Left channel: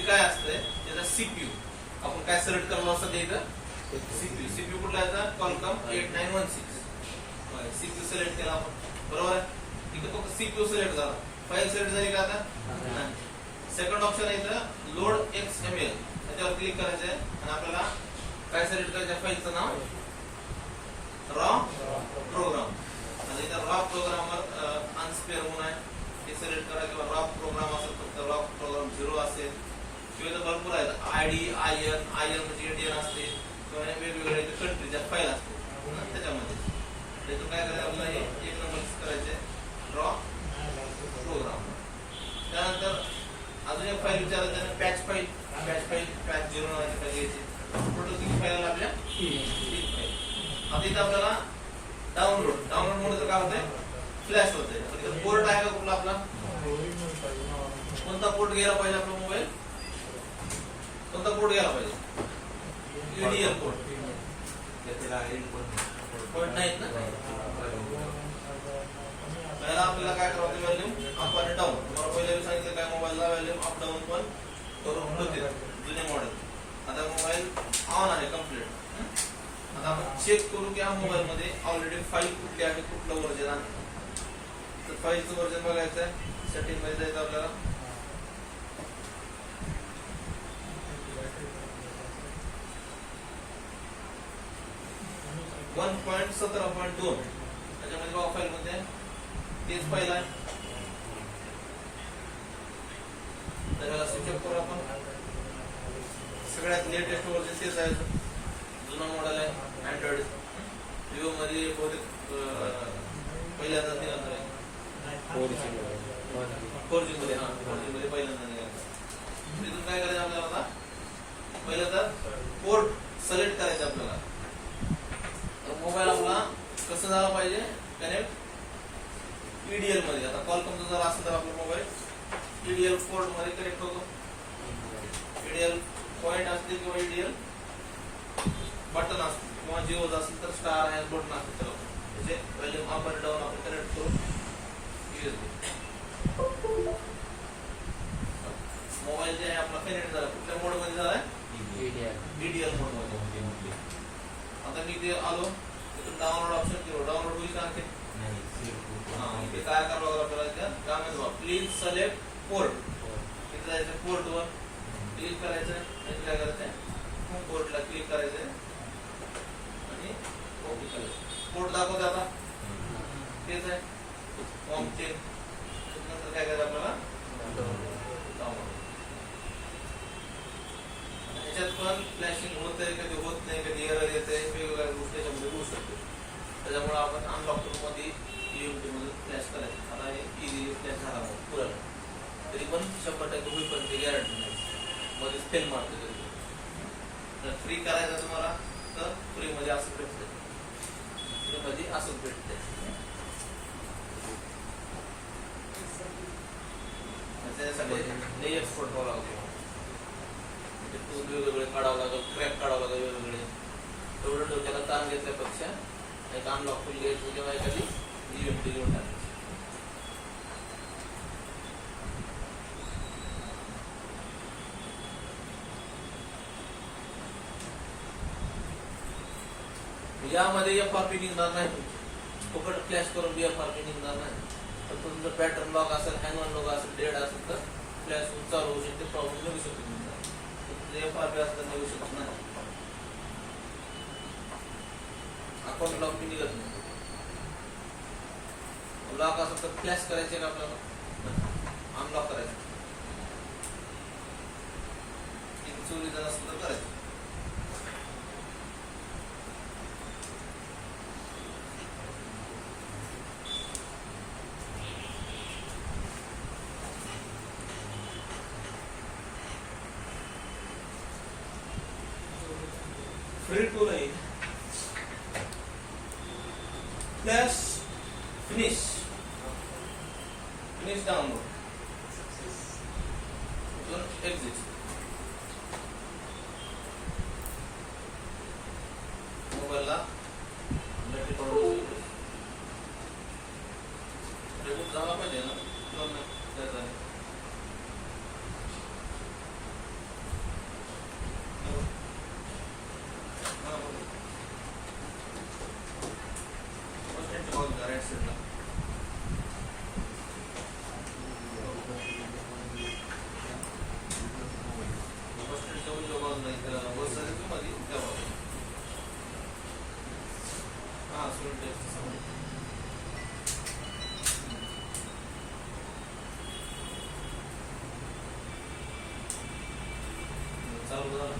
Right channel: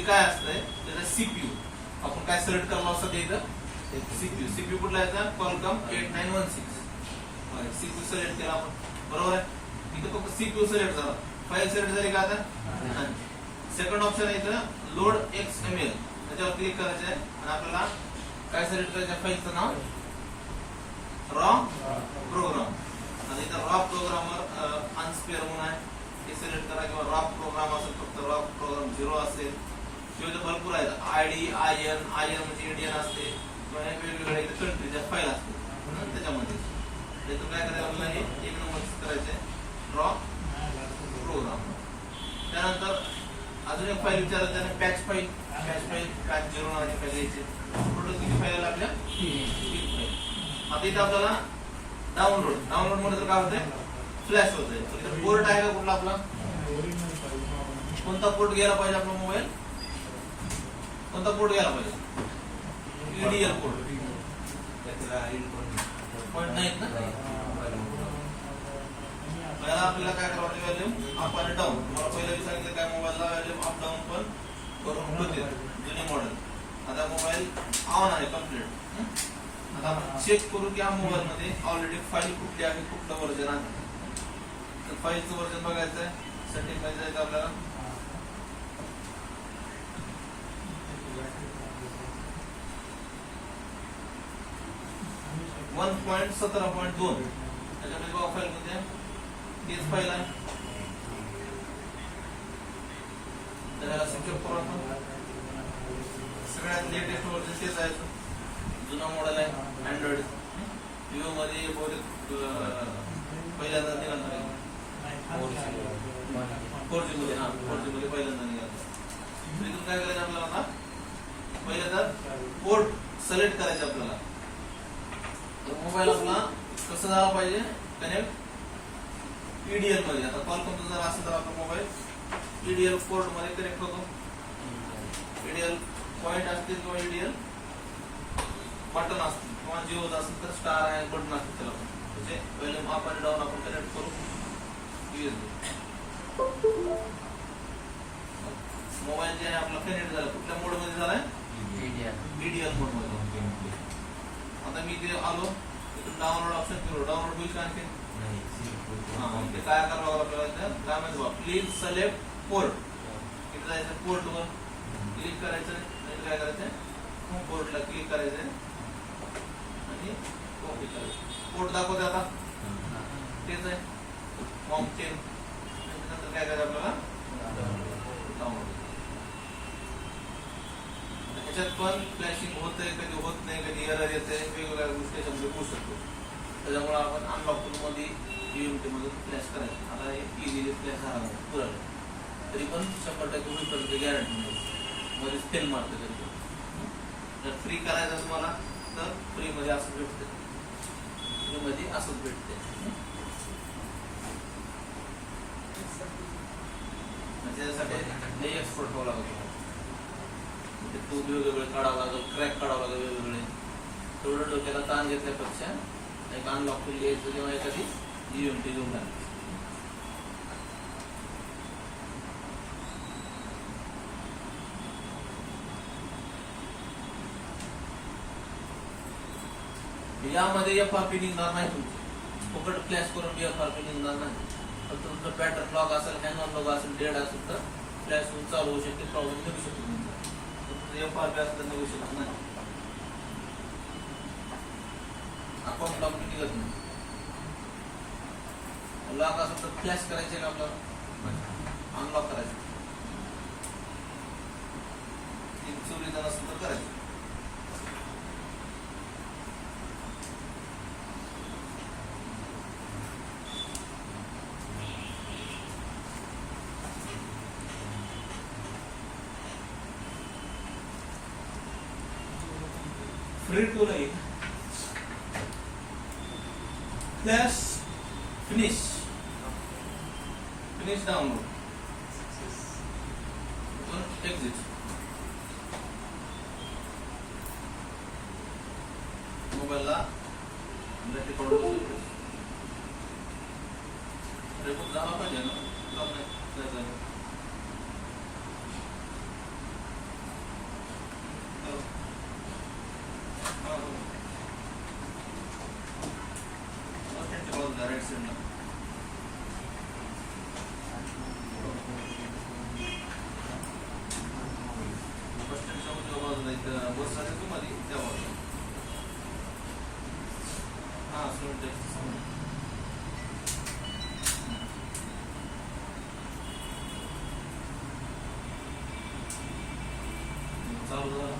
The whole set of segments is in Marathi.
म्हणजे काय असतंय त्याचा सीपीयू आपण काय सिलेक्ट करलो असतं ते इथं सीपीयू कुठला याचा Qualcomm 8916 सीपीयू सिलेक्ट केला आपण बरोबर आहे इथं फक्त सीपीयू सिलेक्ट झाला फाईल सिलेक्ट झाली का आता सेकंड ऑप्शन आहे इथं लोड XML त्याच्यावर क्लिक करायचं आहे आणि आपल्याला काय सिलेक्ट करायचं फाईलचं नाव रॉ प्रोग्राम आणि इथं रॉ प्रोग्रामवर अनस्पेअर म्हणून आहे ते सिलेक्ट करा किंवा रॉ प्रोग्राम असेल फक्त रॉ प्रोग्राम 0 असेल किंवा इथं भरपूर आहेत आयडी IN म्हणजे इंडियन असते किंवा वेगवेगळे कंट्रीच्या फाईल असते त्याच्यामध्ये इथून काय करायचं आपल्याला हे एक नंबर करायचे रॉ प्रोग्राम त्यानंतर अजून एक फाईल विचारायचं त्याने पॅच फाईल 0 नावाची फाईल द्यायची टोटल किती फाईल आपल्या 3 फाईल आता इथं आपल्याला डाउनलोड मध्ये काय होतंय फ्लॅश होतंय इथं पोर्ट आहे का कुठला आपला कोणता पोर्ट गेला पाहिजे आपला मोबाईल कोणता पोर्ट गेला पाहिजे EDL पोर्ट नाहीत ना त्याला आपल्याला काय करावं व्हॅल्यूम अप आणि डाऊन तुम्हाला पहिले सांगितलं काय मोबाईलला व्हॅल्यूम अप डाऊन पण करून होते जुने मॉडेल आता मोबाईल ऑन आहे कम्प्लीट आता आपण चेक करू की या मोबाईल मध्ये ऑलरेडी फाईल कुठली आहे कुठलं वर्जन आहे तर फाईलचं वर्जन बघायचं आहे सेटिंग मध्ये जायचं आपल्याला 1.17.2 त्याच्यामध्ये बघा फाईल मध्ये तेच फाईल आहे तर याला सिक्युअर करू आपण सगळ्यात लेटेस्ट वर्जन तेच आहे जुना मॉडेल आहे अँड्रॉइड विवो मध्ये बहुतेक पहिल्यांदा निघाला 4G मध्ये पहिल्यांदा निघाला इथून काय करायचं आपल्याला आता पहिल्यांदा पोर्ट सिलेक्ट करायचं आपल्याला तर मोबाईल आपला कसं झाला पाहिजे कनेक्ट EDL मध्ये आता Qualcomm जर असेल तर आपला मोबाईल EDL पोर्ट मध्ये कनेक्ट होतो EDL पॉइंट असते किंवा EDL बटन असते किंवा जिओ असेल तर स्टार आहे बटन असते त्याला त्याचे व्हॅल्यूम अप आणि डाऊन आपण कनेक्ट करू मोबाईल जे आहे आपला कनेक्ट झाला कुठल्या मोड मध्ये झालाय EDL मोड मध्ये आता मी ते आलो इथून डाउनलोड ऑप्शन केलो डाउनलोड होईल का आणखी इथे काय करावं आपल्याला काय म्हणतो प्लीज सिलेक्ट पोर्ट इथे जायचं पोर्ट वर क्लिक करायचं आणि काय करायचं पोर्टला क्लिक करायचं आणि ओके करायचं पोर्ट दाखवते आता तेच आहे फॉर्म 10 नंतर काय करायचं आपल्याला डाउनलोड ह्याच्यात पण फ्लॅशिंग होतंय कधी होत नाही कधी एरर येते वेगवेगळ्या गोष्टी शब्द होऊ शकतो त्याच्यामुळे आपण अनलॉक करून मध्ये UMT मधून फ्लॅश करायचं आता हे इझिली फ्लॅश झाला पुरण तरी पण 100% होईपर्यंत गॅरंटी नाही मध्ये फेल मारते तरी जर फ्री करायचं तुम्हाला तर फ्री मध्ये असं भेटते फ्री मध्ये असंच भेटते त्याच्यासाठी नाही एक्सपोर्ट व्हावं लागतं टूल वेगवेगळे काढावं लागेल क्रॅक काढावं लागेल वेगवेगळे तेवढं डोक्याला ताण घेतल्यापेक्षा एक अनलॉक टूल घ्यायचं तेव्हा एखादी UMT घेऊन टाकायची यामध्ये FRP निघणार नाही फुकट फ्लॅश करून FRP निघणार नाही तर तुमचं पॅटर्न लॉक असेल हँगर लॉक असेल डेड असेल तर फ्लॅश चालू होऊ शकते प्रॉब्लेम निघू शकतो FRP असं निघू शकत नाही अकाउंट लॉक निघत नाही लॉक असं तर फ्लॅश करायचे का आपल्याला अनलॉक करायचं चोरी जर असेल तर करायचं फ्री टूल आहे फ्लॅश फिनिश डाउनलोड एक्झिट मोबाईलला झाला पाहिजे ना मिनिट चालू झालं.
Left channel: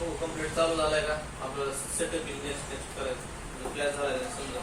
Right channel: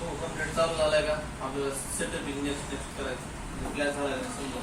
हो, कंप्लीट चालू झालाय का आपल्याला सेटअप नेक्स्ट करायचं. क्लास झालाय समजा